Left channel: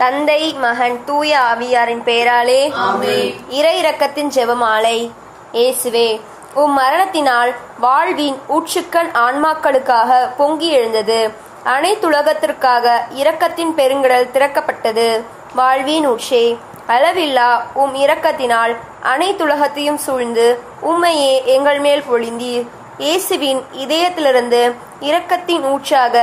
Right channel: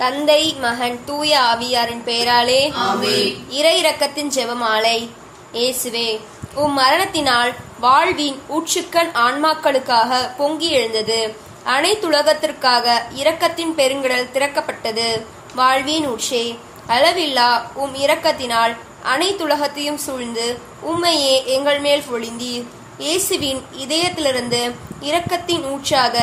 தந்தை, மகன், தூய ஆவியாரின் பெயராலே ஆமென். இறை இரக்கத்தின் ஜெபமாலை. இயேசுவே, உம் மரணத்தினால் வாழ்வின் ஊற்றுக்கள் ஆன்மாக்களுக்காக பொங்கி எழுந்தது. அனைத்துலகத்திற்காக இரக்கத்தின் பெருங்கடல் திறக்கப்பட்டது. வாழ்வின் ஊற்றே, அளவில்லா உம் இரக்கத்தினால் அனைத்துலகத்தையும் சூழ்ந்து உம்மையே எங்கள் மேல் பொழிந்தீர். இயேசுவின் இதயத்திலிருந்து இரக்கத்தின் ஊற்றாக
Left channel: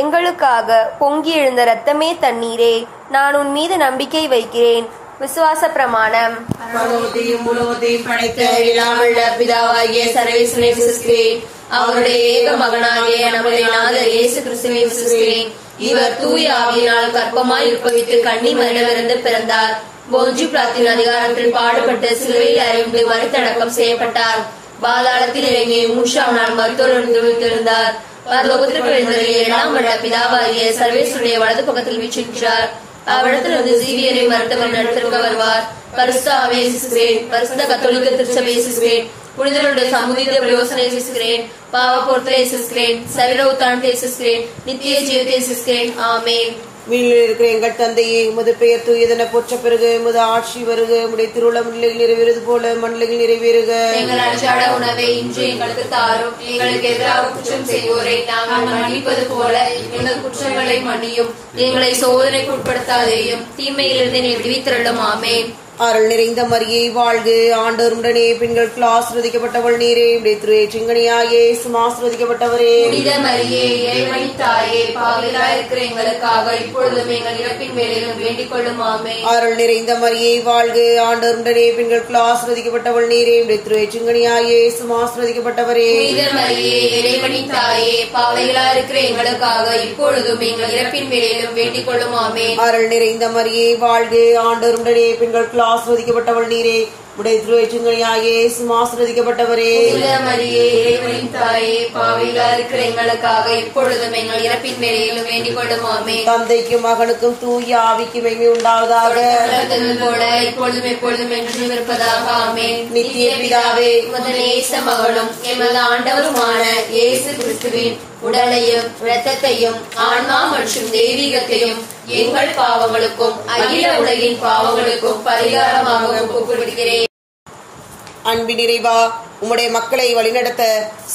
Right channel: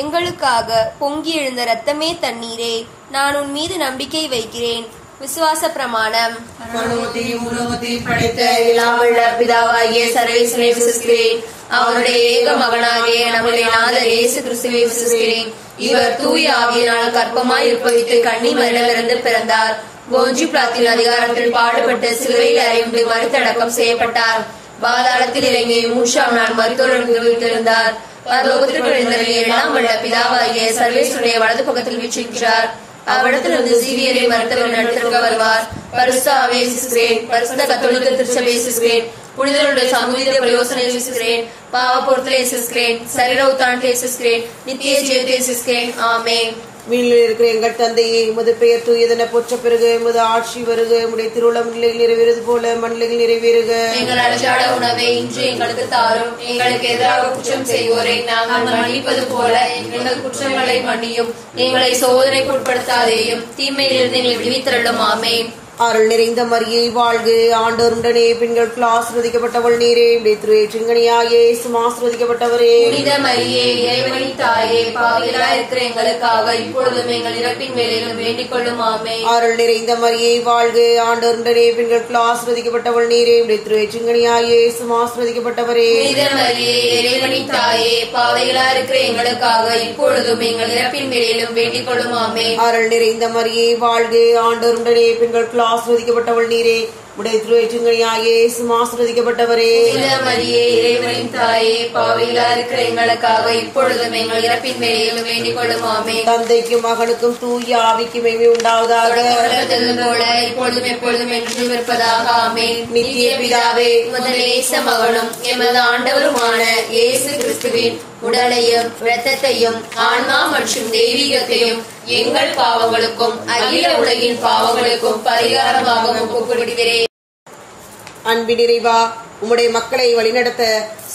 எங்களுக்காக பொங்கி எழுந்த இரத்தமே தண்ணீரே, நான் உன் மீது நம்பிக்கை வைக்கிறேன். விசுவாச பிரமாணம். பரலோகத்தையும் பூலோகத்தையும் படைத்த எல்லாமுள்ள பிதாவாகிய சர்வேஸ்வரனை விசுவாசிக்கிறேன். அவருடைய ஏக மகனாகிய நம்முடைய நாதர் இயேசு கிறிஸ்துவை விசுவாசிக்கிறேன். இவர் தூய ஆவியினால் கர்ப்பமாய் உற்பவித்து கன்னி மரிடமிருந்து பிறந்தார். போஞ்சு பிலாத்தின் அதிகாரத்தில் பாடுபட்டு சிலுவையில் அறையுண்டு மறுத்தடக்கம் செய்யப்பட்டார். பாதாளத்தில் இறங்கி மூன்றாம் நாள் மருத்துவரிலிருந்து உயிர்த்தெழுந்தார். பரலோகத்திற்கு எழுந்தருளி எல்லாம் வல்ல பிதாவாகிய சர்வேஸ்வருடைய வலது பக்கத்தில் வீற்றிருக்கிறார். அவ்விடத்திலிருந்து ஜீவியரை மருத்துவர் நடத்திருக்க வருவார். பரிசுத்த ஆவியை விசுவாசிக்கிறேன். பரிசுத்த கத்தோலிக்க திருச்சபையை விசுவாசிக்கிறேன். புனிதர்களுடைய சமூக யோசனை விசுவாசிக்கிறேன். பாவ பொருத்தலை விசுவாசிக்கிறேன். சரீர உத்தானத்தை விசுவாசிக்கிறேன். நித்திய ஜீவத்தை விசுவாசிக்கிறேன். ஆமென். வீணில் இருக்கிற எங்கள் தந்தையே, உமது பெயர் தூயதென போற்ற பெருக, உமது ஆட்சி வருக, உடைய திருவுளம் நிலையில் நிறைவேறுவது போல மண்ணிலையில் நிறைவேறுக. எங்கள் அன்றாட உணவை இன்று எங்களுக்கு தாரும். எங்களுக்கு எதிராக குற்றம் செய்வோரை நாங்கள் மன்னிப்பது போல எங்கள் குற்றங்களை மன்னியும். எங்களை சோதனைக்கு உட்படுத்தாதேயும், தீமையிலிருந்து எங்களை விடுவித்தருளும். ஆமென். அருள் நிறைந்த மரியே வாழ்க, ஆண்டவர் உடனே பெண்களுக்கு ஆசிர்வதிக்கப்பட்டவள் நீரே, உடைய திருச்சிங்கனியாகிய இயேசுவும் ஆசிர்வதிக்கப்பட்டவரே. புனித மரியே, இறைவனின் தாயே, பாவிகளாய் இருக்கிற எங்களுக்காக இப்பொழுதும் எங்கள் இறப்பின் வேளையிலும் வேண்டிக் கொள்ளும். ஆமென். அருள் நிறைந்த மரியே வாழ்க, ஆண்டவர் உடனே பெண்களுக்கு ஆசிர்வதிக்கப்பட்டவள் நீரே, உடைய திருச்சிங்கனியாகிய இயேசுவும் ஆசிர்வதிக்கப்பட்டவரே. புனித மரியே, இறைவனின் தாயே, பாவிகளாய் இருக்கிற எங்களுக்காக இப்பொழுதும் எங்கள் இறப்பின் வேளையிலும் வேண்டிக் கொள்ளும். ஆமென். அருள் நிறைந்த மரியே வாழ்க, ஆண்டவர் உடனே பெண்களுக்கு ஆசிர்வதிக்கப்பட்டவள் நீரே, உடைய திருச்சிங்கனியாகிய இயேசுவும் ஆசிர்வதிக்கப்பட்டவரே. புனித மரியே, இறைவனின் தாயே, பாவிகளாய் இருக்கிற எங்களுக்காக இப்பொழுதும் எங்கள் இறப்பின் வேளையிலும் வேண்டிக் கொள்ளும். ஆமென். தந்தைக்கும் மகனுக்கும் தூய ஆவிக்கும் மகிமை உண்டாவதாக. போல இப்பொழுதும் எப்பொழுதும் என்று இருப்பதாக. ஆமென். நித்திய பிதாவே, உமது நேச மகனும் எமது ஆண்டவருமான இயேசு கிறிஸ்துவின் உடலையும் இரத்தத்தையும் ஆன்மா மற்றும் தெய்வீகத்தையும் எங்கள் பாவங்களுக்கும் அகில உலகின் பாவங்களுக்கும் பரிகாரமாக ஒப்புக்கொடுக்கிறேன். அன்பின் இறைவா, உம்முடைய மக்களை வழிநடத்த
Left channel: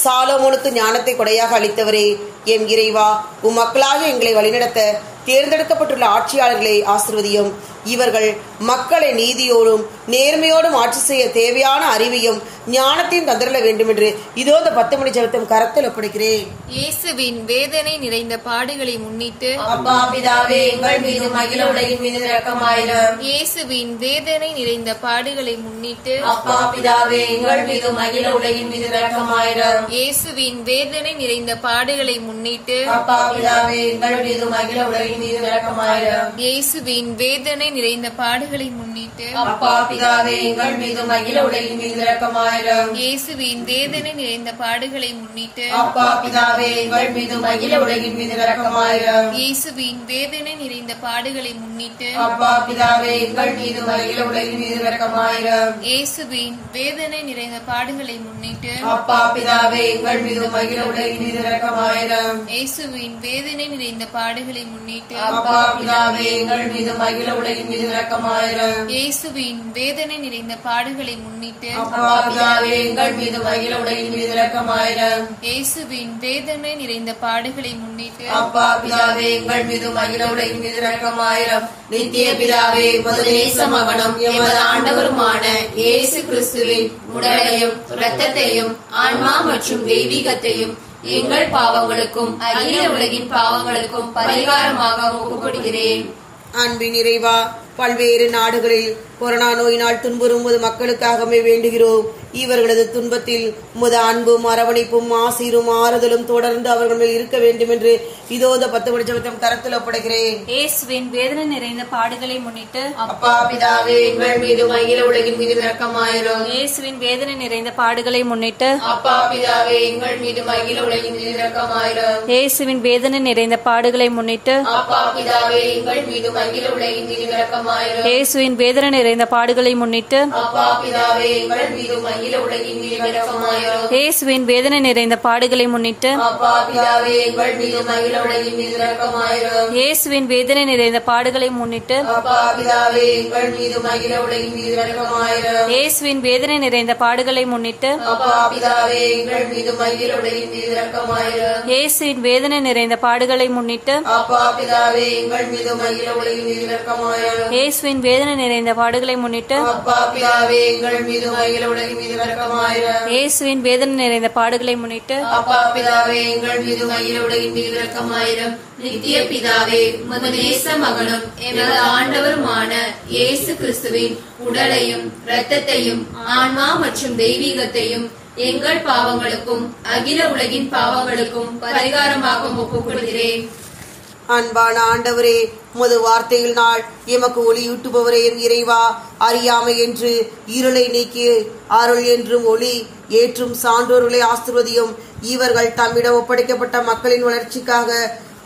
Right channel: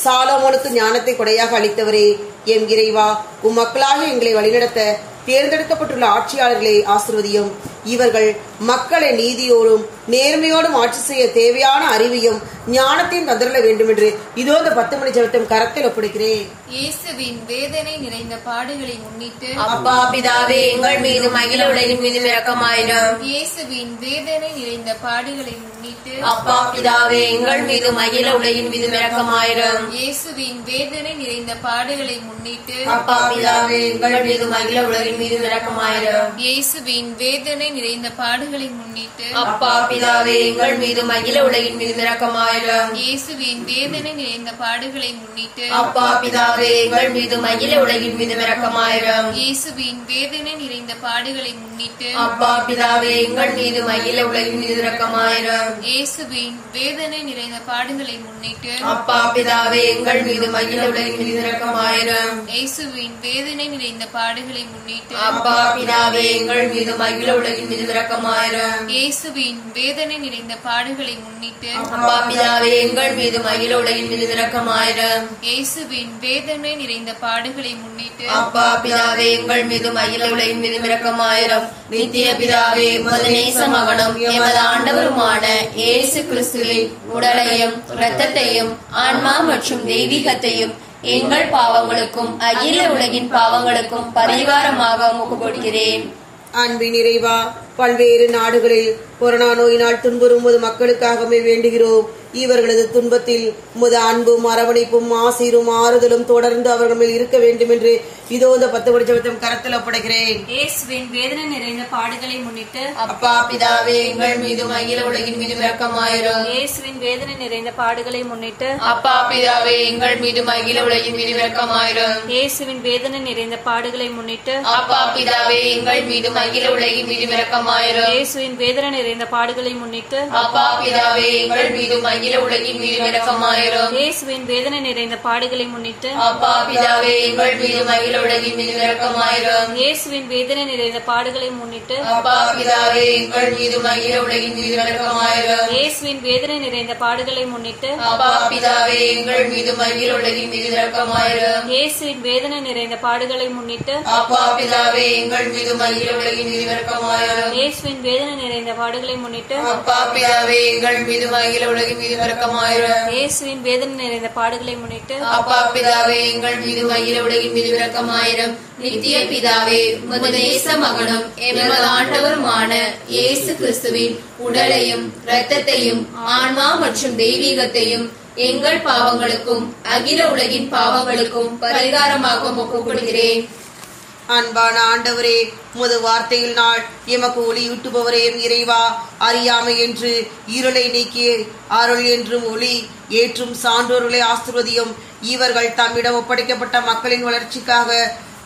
சாலோமோனுக்கு ஞானத்தை கொடையாக அளித்தவரே, எம் இறைவா, உம் மக்களாக எங்களை வழிநடத்த தேர்ந்தெடுக்கப்பட்டுள்ள ஆட்சியாளர்களை ஆசிர்வதியும். இவர்கள் மக்களை நீதியோடும் நேர்மையோடும் ஆட்சி செய்ய தேவையான அறிவையும் ஞானத்தையும் தந்துள்ள வேண்டும் என்று இதோ இந்த 10 மணி ஜெபத்தையும் கரத்தில் ஒப்படைக்கிறேன். இயேசுவின் வேதனை நிறைந்த பாடுகளை முன்னிட்டு அப்பா பிதாவே, எங்கள் மீது அகில உலகின் மீது இரக்கமாயிரும். இயேசுவின் வேதனை நிறைந்த பாடுகளை முன்னிட்டு அப்பா பிதாவே, எங்கள் மீது அகில உலகின் மீது இரக்கமாயிரும். இயேசுவின் வேதனை நிறைந்த பாடுகளை முன்னிட்டு அப்பா பிதாவே, எங்கள் மீது அகில உலகின் மீது இரக்கமாயிரும். இயேசுவின் வேதனை நிறைந்த பாடுகளை முன்னிட்டு அப்பா பிதாவே, எங்கள் மீது அகில உலகின் மீது இரக்கமாயிரும். இயேசுவின் வேதனை நிறைந்த பாடுகளை முன்னிட்டு அப்பா பிதாவே, எங்கள் மீது அகில உலகின் மீது இரக்கமாயிரும். இயேசுவின் வேதனை நிறைந்த பாடுகளை முன்னிட்டு அப்பா பிதாவே, எங்கள் மீது அகில உலகின் மீது இரக்கமாயிரும். இயேசுவின் வேதனை நிறைந்த பாடுகளை முன்னிட்டு அப்பா பிதாவே, எங்கள் மீது அகில உலகின் மீது இரக்கமாயிரும். இயேசுவின் வேதனை நிறைந்த பாடுகளை முன்னிட்டு அப்பா பிதாவே, எங்கள் மீது அகில உலகின் மீது இரக்கமாயிரும். இயேசுவின் வேதனை நிறைந்த பாடுகளை முன்னிட்டு அப்பா பிதாவே, எங்கள் மீது அகில உலகின் மீது இரக்கமாயிரும். இயேசுவின் வேதனை நிறைந்த பாடுகளை முன்னிட்டு அப்பா பிதாவே, எங்கள் மீது அகில உலகின் மீது இரக்கமாயிரும். நித்திய பிதாவே, உமது நேச மகனும் எமது ஆண்டவருமான இயேசு கிறிஸ்துவின் உடலையும் இரத்தத்தையும் ஆன்மா மற்றும் தெய்வீகத்தையும் எங்கள் பாவங்களுக்கும் அகில உலகின் பாவங்களுக்கும் பரிகாரமாக ஒப்புக்கொடுக்கிறேன். அன்பின் இறைவா, பல்வேறு நாடுகளில் கொரோனா நோயினால் துன்புறும் மக்களுக்காகவே வேண்டுகிறோம். இவர்களது துன்பத்தில் உமது அன்பும் அரவணைப்பும் ஆசீரும் ஆறுதலும் தொடர்ந்து அவர்கள் மேல் இருக்க வேண்டும் என்று இதோ இந்த 10 மணி ஜெபத்தையும் கரத்தில் ஒப்படைக்கிறேன். இயேசுவின் வேதனை நிறைந்த பாடுகளை முன்னிட்டு அப்பா பிதாவே, எங்கள் மீது அகில உலகின் மீது இரக்கமாயிரும். இயேசுவின் வேதனை நிறைந்த பாடுகளை முன்னிட்டு அப்பா பிதாவே, எங்கள் மீது அகில உலகின் மீது இரக்கமாயிரும். இயேசுவின் வேதனை நிறைந்த பாடுகளை முன்னிட்டு அப்பா பிதாவே, எங்கள் மீது அகில உலகின் மீது இரக்கமாயிரும். இரக்கமாயிரும். இயேசுவின் வேதனை நிறைந்த பாடுகளை முன்னிட்டு அப்பா பிதாவே எங்கள் மீதும் அகில உலகின் மீதும் இரக்கமாயிரும். இயேசுவின் வேதனை நிறைந்த பாடுகளை முன்னிட்டு அப்பா பிதாவே எங்கள் மீதும் அகில உலகின் மீதும் இரக்கமாயிரும். இயேசுவின் வேதனை நிறைந்த பாடுகளை முன்னிட்டு அப்பா பிதாவே எங்கள் மீதும் அகில உலகின் மீதும் இரக்கமாயிரும். இயேசுவின் வேதனை நிறைந்த பாடுகளை முன்னிட்டு அப்பா பிதாவே எங்கள் மீதும் அகில உலகின் மீதும் இரக்கமாயிரும். இயேசுவின் வேதனை நிறைந்த பாடுகளை முன்னிட்டு அப்பா பிதாவே எங்கள் மீதும் அகில உலகின் மீதும் இரக்கமாயிரும். இயேசுவின் வேதனை நிறைந்த பாடுகளை முன்னிட்டு அப்பா பிதாவே எங்கள் மீதும் அகில உலகின் மீதும் இரக்கமாயிரும். இயேசுவின் வேதனை நிறைந்த பாடுகளை முன்னிட்டு அப்பா பிதாவே எங்கள் மீதும் அகில உலகின் மீதும் இரக்கமாயிரும். நித்திய பிதாவே உமது நேச மகனும் எமது ஆண்டவருமான இயேசு கிறிஸ்துவின் உடலையும் இரத்தத்தையும் ஆன்மா மற்றும் தெய்வீகத்தையும் எங்கள் பாவங்களுக்கும் அகில உலகின் பாவங்களுக்கும் பரிகாரமாக ஒப்புக்கொள்கிறேன். அன்பான ஆண்டவரே, உமது வார்த்தையில் நாள் எமக்கு ஒளியூட்டுபவரே இறைவா, அறியாமை என்று இருளை நீக்கி அருள் என்றும் ஒளி ஏற்றும் சான்றோர்களை ஆசீர்வதியும். இவர்கள் தம்மிடம் ஒப்படைக்கப்பட்ட மக்களின் வளர்ச்சிக்காக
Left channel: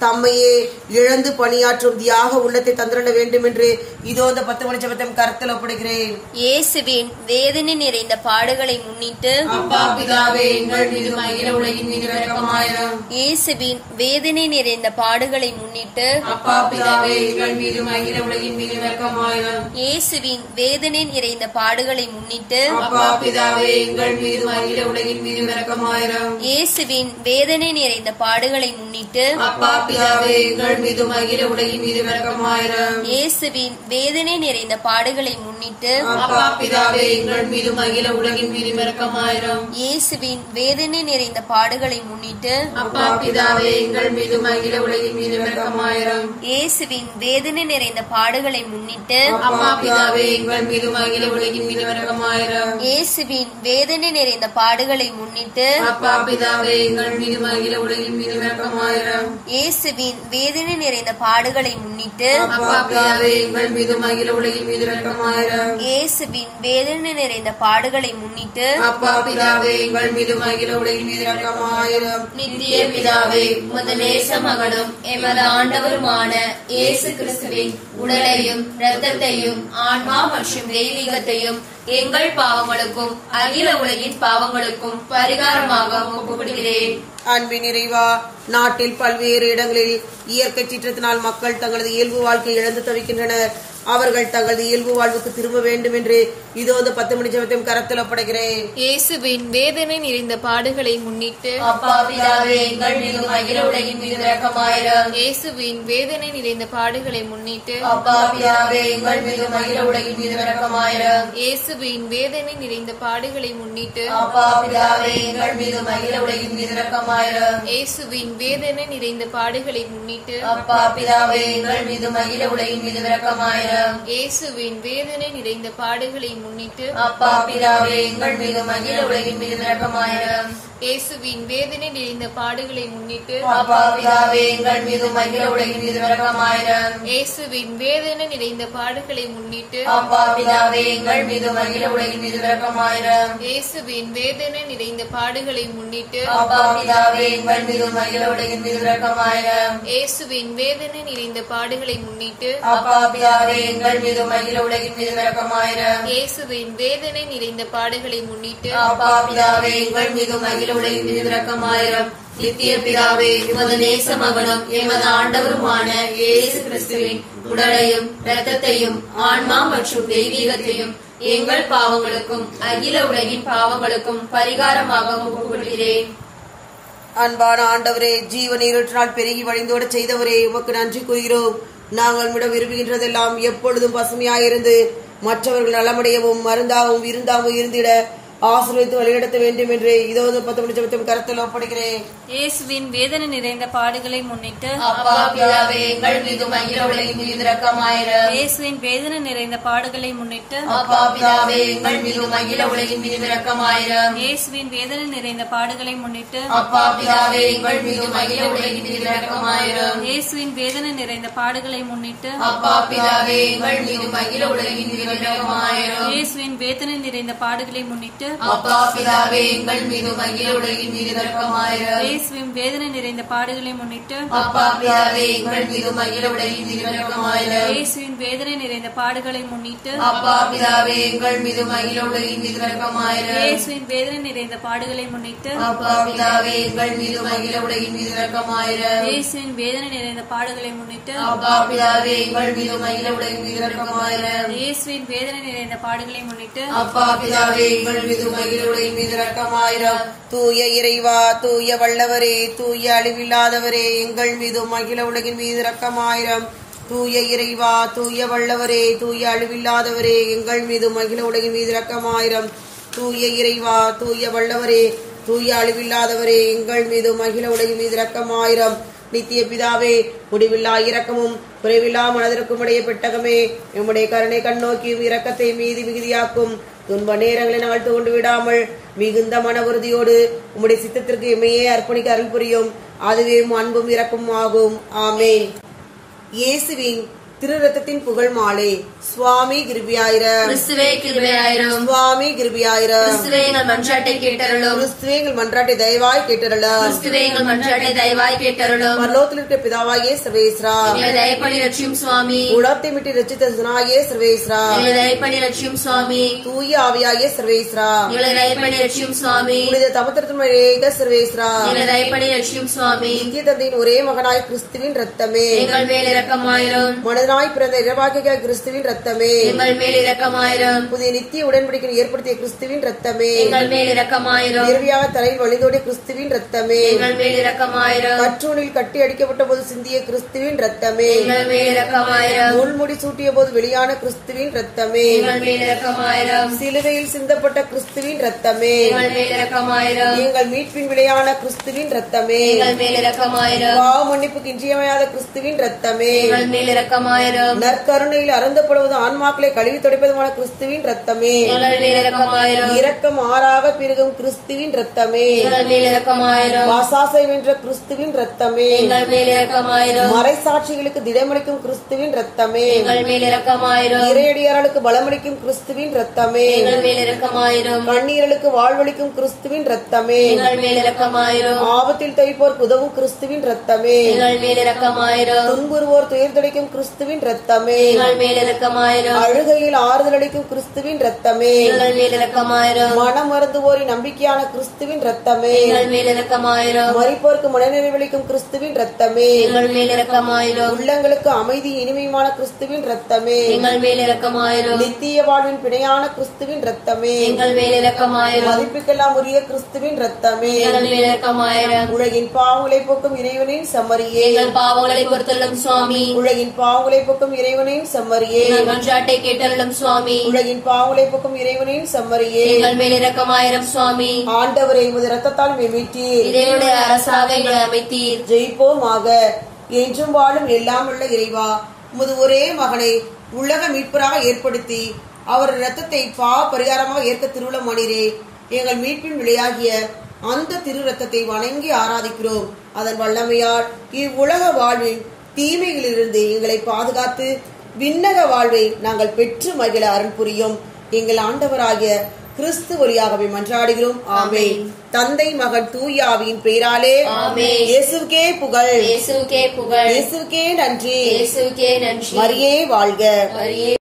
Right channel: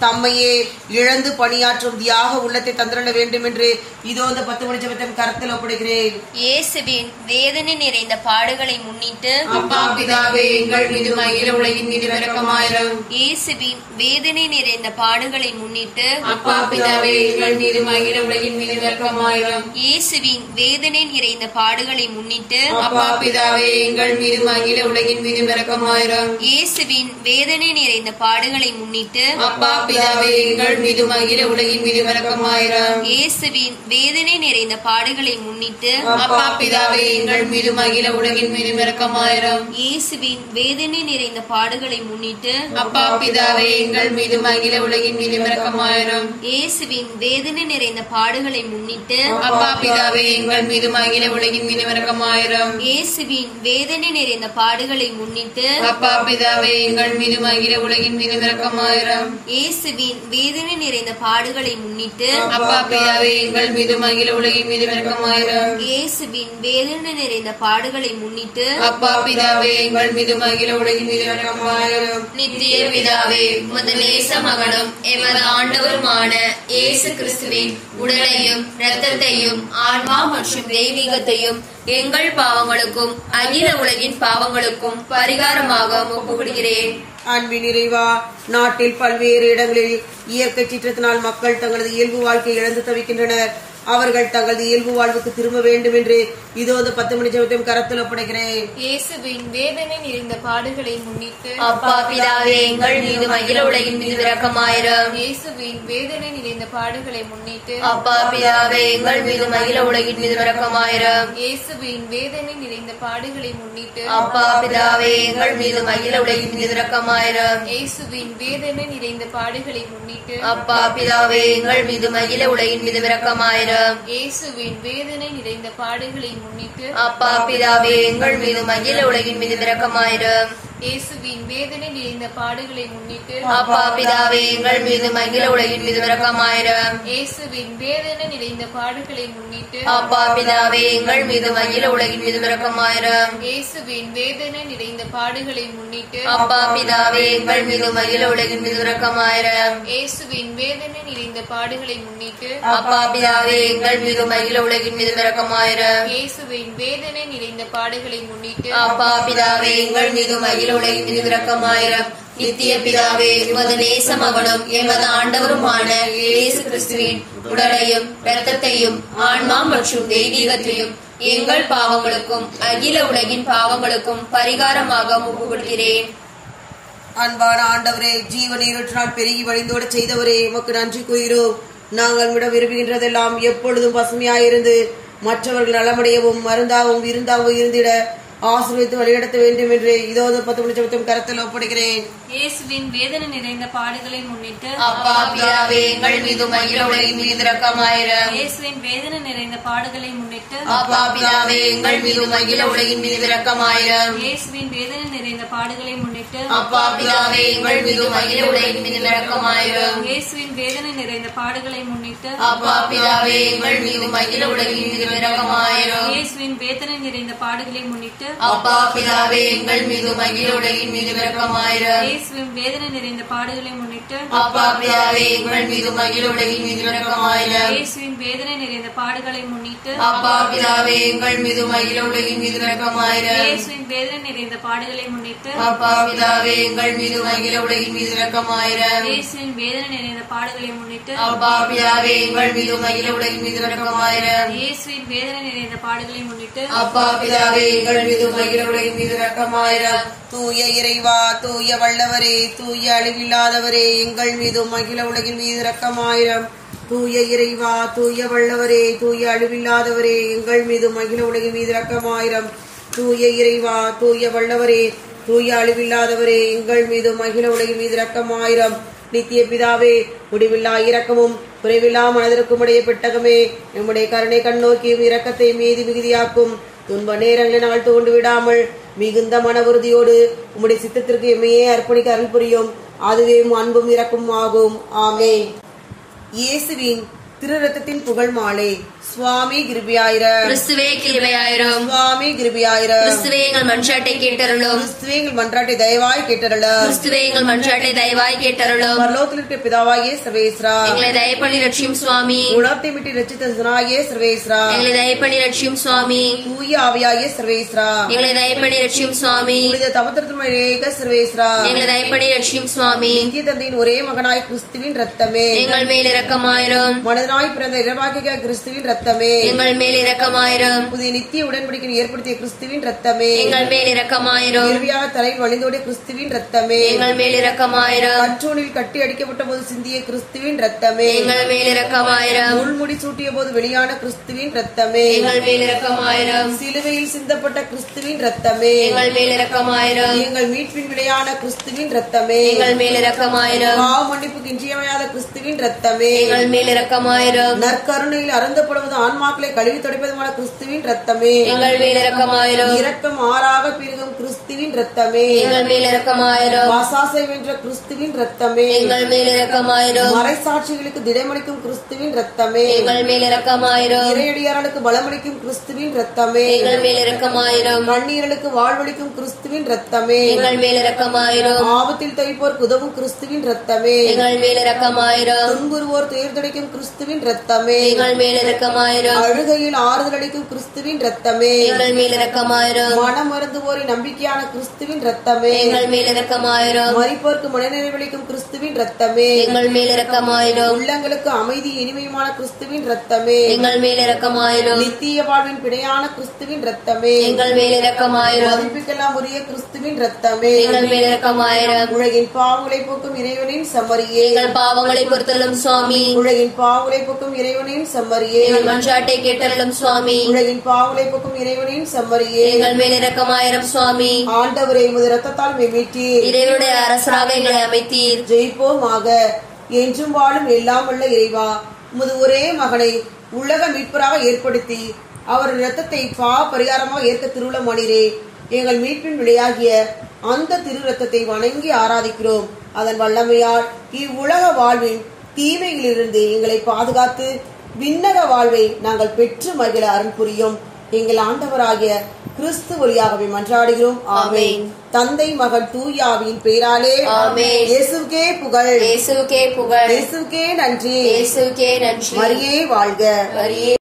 தம்மையே இழந்து பணியாற்றும் தியாக உள்ளத்தை தந்திரல வேண்டும் என்று இதோ இந்த 10 மணி ஜெபத்தை கருத்தில் ஒப்படைக்கிறேன். இயேசுவின் வேதனை நிறைந்த பாடுகளை முன்னிட்டு அப்பா பிதாவே எங்கள் மீதும் அகில உலகின் மீதும் இரக்கமாயிரும். இயேசுவின் வேதனை நிறைந்த பாடுகளை முன்னிட்டு அப்பா பிதாவே எங்கள் மீதும் அகில உலகின் மீதும் இரக்கமாயிரும். இயேசுவின் வேதனை நிறைந்த பாடுகளை முன்னிட்டு அப்பா பிதாவே எங்கள் மீதும் அகில உலகின் மீதும் இரக்கமாயிரும். இயேசுவின் வேதனை நிறைந்த பாடுகளை முன்னிட்டு அப்பா பிதாவே எங்கள் மீதும் அகில உலகின் மீதும் இரக்கமாயிரும். இயேசுவின் வேதனை நிறைந்த பாடுகளை முன்னிட்டு அப்பா பிதாவே எங்கள் மீதும் அகில உலகின் மீதும் இரக்கமாயிரும். இயேசுவின் வேதனை நிறைந்த பாடுகளை முன்னிட்டு அப்பா பிதாவே எங்கள் மீதும் அகில உலகின் மீதும் இரக்கமாயிரும். இயேசுவின் வேதனை நிறைந்த பாடுகளை முன்னிட்டு அப்பா பிதாவே எங்கள் மீதும் அகில உலகின் மீதும் இரக்கமாயிரும். இயேசுவின் வேதனை நிறைந்த பாடுகளை முன்னிட்டு அப்பா பிதாவே எங்கள் மீதும் அகில உலகின் மீதும் இரக்கமாயிரும். இயேசுவின் வேதனை நிறைந்த பாடுகளை முன்னிட்டு அப்பா பிதாவே எங்கள் மீதும் அகில உலகின் மீதும் இரக்கமாயிரும். இயேசுவின் வேதனை நிறைந்த பாடுகளை முன்னிட்டு அப்பா பிதாவே எங்கள் மீதும் அகில உலகின் மீதும் இரக்கமாயிரும். நித்திய பிதாவே உமது நேச மகனும் எமது ஆண்டவருமான இயேசு கிறிஸ்துவின் உடலையும் இரத்தத்தையும் ஆன்மா மற்றும் தெய்வீகத்தையும் எங்கள் பாவங்களுக்கும் அகில உலகின் பாவங்களுக்கும் பரிகாரமாக ஒப்புக்கொடுக்கிறேன். அன்பின் நிறைவா, நாட்டில் பல்வேறு இடங்களில் இயற்கை சீற்றத்தினால் மக்கள் தங்களது இயல்பு வாழ்க்கையை இழந்து தவிக்கின்றனர். அவர்கள் தங்களது இயல்பு வாழ்வுக்கு திரும்ப வேண்டும் என்று இதோ 10 மணி ஜெபத்தையும் கரத்தில் ஒப்படைக்கிறேன். இயேசுவின் வேதனை நிறைந்த பாடுகளை முன்னிட்டு அப்பா பிதாவே எங்கள் மீதும் அகில உலகின் மீது இரக்கமாயிரும். இயேசுவின் வேதனை நிறைந்த பாடுகளை முன்னிட்டு அப்பா பிதாவே எங்கள் மீதும் அகில உலகின் மீது இரக்கமாயிரும். இயேசுவின் வேதனை நிறைந்த பாடுகளை முன்னிட்டு அப்பா பிதாவே எங்கள் மீதும் அகில உலகின் மீது இரக்கமாயிரும். இயேசுவின் வேதனை நிறைந்த பாடுகளை முன்னிட்டு அப்பா பிதாவே எங்கள் மீதும் அகில உலகின் மீது இரக்கமாயிரும். இயேசுவின் வேதனை நிறைந்த பாடுகளை முன்னிட்டு அப்பா பிதாவே எங்கள் மீதும் அகில உலகின் மீது இரக்கமாயிரும். இயேசுவின் வேதனை நிறைந்த பாடுகளை முன்னிட்டு அப்பா பிதாவே எங்கள் மீதும் அகில உலகின் மீது இரக்கமாயிரும். இயேசுவின் வேதனை நிறைந்த பாடுகளை முன்னிட்டு அப்பா பிதாவே எங்கள் மீதும் அகில உலகின் மீது இரக்கமாயிரும். இயேசுவின் வேதனை நிறைந்த பாடுகளை முன்னிட்டு அப்பா பிதாவே எங்கள் மீதும் அகில உலகின் மீது இரக்கமாயிரும். இயேசுவின் வேதனை நிறைந்த பாடுகளை முன்னிட்டு அப்பா பிதாவே எங்கள் மீதும் அகில உலகின் மீது இரக்கமாயிரும். இயேசுவின் வேதனை நிறைந்த பாடுகளை முன்னிட்டு அப்பா பிதாவே எங்கள் மீதும் அகில உலகின் மீது இரக்கமாயிரும். நித்திய பிதாவே உமது நேச மகனும் எமது ஆண்டவருமான இயேசு கிறிஸ்துவின் உடலையும் இரத்தத்தையும் ஆன்மா மற்றும் தெய்வீகத்தையும் எங்கள் பாவங்களுக்கும் அகில உலகின் பாவங்களுக்கும் பரிகாரமாக ஒப்புக்கொடுக்கிறேன். அன்பான ஆண்டவரே, ஜீவ நீரூற்றினால் பெருகி வழிந்தோட செய்தவரே, உமக்கு நன்றி கூறுகிறோம். நாங்கள் விட விரும்புகின்றதெல்லாம் எப்பொழுதும் பசுமையாயிருந்து மற்றவர்கள் நலமடையவும் மருந்தாகவும் விருந்தாகவும் இருந்திட ஆசீர்வதித்து வழிநடத்த வேண்டும் என்று இதோ 10 மணி ஜெபத்தையும் கரத்தில் ஒப்படைக்கிறேன். இயேசுவின் வேதனை நிறைந்த பாடுகளை முன்னிட்டு அப்பா பிதாவே எங்கள் மீதும் அகில உலகின் மீது இரக்கமாயிரும். இயேசுவின் வேதனை நிறைந்த பாடுகளை முன்னிட்டு அப்பா பிதாவே எங்கள் மீதும் அகில உலகின் மீது இரக்கமாயிரும். இயேசுவின் வேதனை நிறைந்த பாடுகளை முன்னிட்டு அப்பா பிதாவே எங்கள் மீதும் அகில உலகின் மீது இரக்கமாயிரும். இயேசுவின் வேதனை நிறைந்த பாடுகளை முன்னிட்டு அப்பா பிதாவே எங்கள் மீதும் அகில உலகின் மீது இரக்கமாயிரும். இயேசுவின் வேதனை நிறைந்த பாடுகளை முன்னிட்டு அப்பா பிதாவே எங்கள் மீது மகிழுடையின் மீது இரக்கமாயிரும். இயேசுவின் வேதனை நிறைந்த பாடுகளை முன்னிட்டு அப்பா பிதாவே எங்கள் மீது மகிழுடையின் மீது இரக்கமாயிரும். இயேசுவின் வேதனை நிறைந்த பாடுகளை முன்னிட்டு அப்பா பிதாவே எங்கள் மீது மகிழுடையின் மீது இரக்கமாயிரும். இயேசுவின் வேதனை நிறைந்த பாடுகளை முன்னிட்டு அப்பா பிதாவே எங்கள் மீது மகிழுடையின் மீது இரக்கமாயிரும். இயேசுவின் வேதனை நிறைந்த பாடுகளை முன்னிட்டு அப்பா பிதாவே எங்கள் மீது மகிழுடையின் மீது இரக்கமாயிரும். இயேசுவின் வேதனை நிறைந்த பாடுகளை முன்னிட்டு அப்பா பிதாவே எங்கள் மீது மகிழுடையின் மீது இரக்கமாயிரும். தூய இறைவா, தூய வல்லவரே, தூய அழிவில்லாதவரே, எங்கள் மீது மகிழ உலகின் மீது இரக்கமாயிரம். தூய இறைவா, தூய வல்லவரே, தூய அழிவில்லாதவரே, எங்கள் மீது மகிழ உலகின் மீது இரக்கமாயிரம். தூய இறைவா, தூய வல்லவரே, தூய அழிவில்லாதவரே, எங்கள் மீது மகிழ உலகின் மீது இரக்கமாயிரம். நித்திய பிதாவே, முடிவில்லா இரக்கமும் குறைவில்லா மனதிற்கும் உடைய பெட்டகமே, நம்முடைய கருணை கண்ணோக்கியும் இரக்கத்தை மீதி மிகுதியாக்கும். துன்ப நேரங்களை நாங்கள் தோண்டு விடாமல் மிகுந்த மன உறுதியோடு உம்முடைய சித்தத்திற்கு எம்மையே அர்ப்பணிக்க அருள் புரியும். அதுவே அன்பும் இரக்கமும் ஆகும். ஆமென். இயேசுவின் திரு ரத்தத்தின் புகழ் மாலை. சுவாமி கிருபையாயிரம். கிறிஸ்துவே கிருபையாயிரும். சுவாமி கிருபையாயிரம். கிறிஸ்துவே எங்கள் மன்றாட்டை கேட்டருளும். கிறிஸ்துவே எங்கள் மன்றாட்டை தயவாய் கேட்டருளும். கிறிஸ்துவே எங்கள் மன்றாட்டை தயவாய் கேட்டருளும். பரலோகத்தில் இருக்கிற பிதாவாகிய சர்வேஸ்வரா, எங்களை தயப்பண்ணி ரட்சியும் சுவாமி. உலகத்தை விட்டு ரட்சித்த சுனாகிய சர்வேஸ்வரா, எங்களை தயப்பண்ணி ரட்சியும் சுவாமி. தூய ஆவியாகிய சர்வேஸ்வரா, எங்களை தயப்பண்ணி ரட்சியும் சுவாமி. புனித தமத்திரத்தின் சர்வேஸ்வரா, எங்களை தயப்பண்ணி ரட்சியும் சுவாமி. இந்திய தந்தையின் ஒரே மகனாய் கிறிஸ்துவின் ரத்தமே, எங்கள் மேல் இரக்கமாயிரும். மனிதனாய் பிறந்த இரவாக்கிய கிறிஸ்துவின் ரத்தமே, எங்கள் மேல் இரக்கமாயிரும். புதிய நித்திய உடன்படிக்கை ஏற்படுத்திய கிறிஸ்துவின் ரத்தமே, எங்கள் மேல் இரக்கமாயிரும். இறுதியாக தலையில் வழிந்தோடிய கிறிஸ்துவின் ரத்தமே, எங்கள் மேல் இரக்கமாயிரும். கற்றூனில் கட்டி அடிக்கப்பட்ட போது சிந்திய கிறிஸ்துவின் ரத்தமே, எங்கள் மேல் இரக்கமாயிரும். முள்முடி சூட்டிய போது வெளியான கிறிஸ்துவின் ரத்தமே, எங்கள் மேல் இரக்கமாயிரும். சிலுவையில் சிந்தப்பட்ட கிறிஸ்துவின் ரத்தமே, எங்கள் மேல் இரக்கமாயிரும். எங்கள் மீட்பின் விளையான கிறிஸ்துவின் ரத்தமே, எங்கள் மேல் இரக்கமாயிரும். பாவ மன்னிப்புக்கு இன்றியமையாத கிறிஸ்துவின் ரத்தமே, எங்கள் மேல் இரக்கமாயிரும். நற்கருணையில் அறந்தப்படுவது ஆன்மாக்களை கழுவி துடைப்பதுமான கிறிஸ்துவின் ரத்தமே, எங்கள் மேல் இரக்கமாயிரும். இரக்கம் ஆறாக பெருகும் கிறிஸ்துவின் ரத்தமே, எங்கள் மேல் இரக்கமாயிரும். வாசாசை வென்ற கிறிஸ்துவின் ரத்தமே, எங்கள் மேல் இரக்கமாயிரும். மறைசாட்சிகளுக்கு திடமளிக்கும் கிறிஸ்துவின் ரத்தமே, எங்கள் மேல் இரக்கமாயிரும். இறையடியார்களுக்கு பலமளிக்கும் கிறிஸ்துவின் ரத்தமே, எங்கள் மேல் இரக்கமாயிரும். கண்ணீர்களுக்கு வாழ்வளிக்கும் கிறிஸ்துவின் ரத்தமே, எங்கள் மேல் இரக்கமாயிரும். ஆபத்தில் தவிப்போருக்கு உதவும் கிறிஸ்துவின் ரத்தமே, எங்கள் மேல் இரக்கமாயிரும். துன்புறுவோர் துயர்தடைக்கும் கிறிஸ்துவின் ரத்தமே, எங்கள் மேல் இரக்கமாயிரும். அழுகையில் ஆறுதல் அளிக்கும் கிறிஸ்துவின் ரத்தமே, எங்கள் மேல் இரக்கமாயிரும். மனம் மருந்துவோரின் நம்பிக்கையான கிறிஸ்துவின் ரத்தமே, எங்கள் மேல் இரக்கமாயிரும். மரிப்போருக்கு மனநிறைவளிக்கும் கிறிஸ்துவின் ரத்தமே, எங்கள் மேல் இரக்கமாயிரும். உள்ளங்களுக்கு அமைதி இனிமையான கிறிஸ்துவின் ரத்தமே, எங்கள் மேல் இரக்கமாயிரும். நித்திய வாழ்வின் பிணையான கிறிஸ்துவின் ரத்தமே, எங்கள் மேல் இரக்கமாயிரும். மதிப்புக்கெல்லாம் உரிய கிறிஸ்துவின் ரத்தமே, எங்கள் மேல் இரக்கமாயிரும். உலகின் பாவங்களை போக்கும் இறைவனின் சம்மரியே, எங்கள் பாவங்களை பொறுத்தருளும் சுவாமி. உலகின் பாவங்களை போக்கும் இறைவனின் சம்மரியே, எங்கள் மன்றாட்டை கேட்டருளும் சுவாமி. உலகின் பாவங்களை போக்கும் இறைவனின் சம்மரியே, எங்கள் மேல் இரக்கமாயிரும் சுவாமி. ஆண்டவரை உமது ரத்தத்தால் மீட்டீர், இறைவனுடைய அரசாக எங்களை அமைத்தீர். ஜெயிப்போமாக. என்றும் வாழும் எல்லாம் உள்ள இறைவா, உமது ஒரே மகனை உலக மீட்பராக ஏற்படுத்தி அவர் இரத்தத்தை பாவ பரிகாரமாக ஏற்க திருவுளமானீரே. எங்கள் மீட்பின் விளையாகிய அந்த திரு ரத்தத்தை வணங்கி ஆராதிக்கிறோம். அதன் வல்லமையால் இவ்வுலக வாழ்வின் தீமைகளிலிருந்து எங்களை பாதுகாத்து விண்ணக வாழ்வை நாங்கள் பெற்று மகிழ அருள் புரியும். எங்கள் ஆண்டவராகிய கிறிஸ்து வழியாகவே மன்றாடுகிறோம். ஆமென். தந்தை மகன் தூய ஆவியின் பெயராலே ஆமென். இயேசுவுக்கே புகழ், இயேசுவுக்கே புகழ், இயேசுவுக்கே நன்றி, இயேசுவுக்கே நன்றி. மரியே வாழ்க. மரியே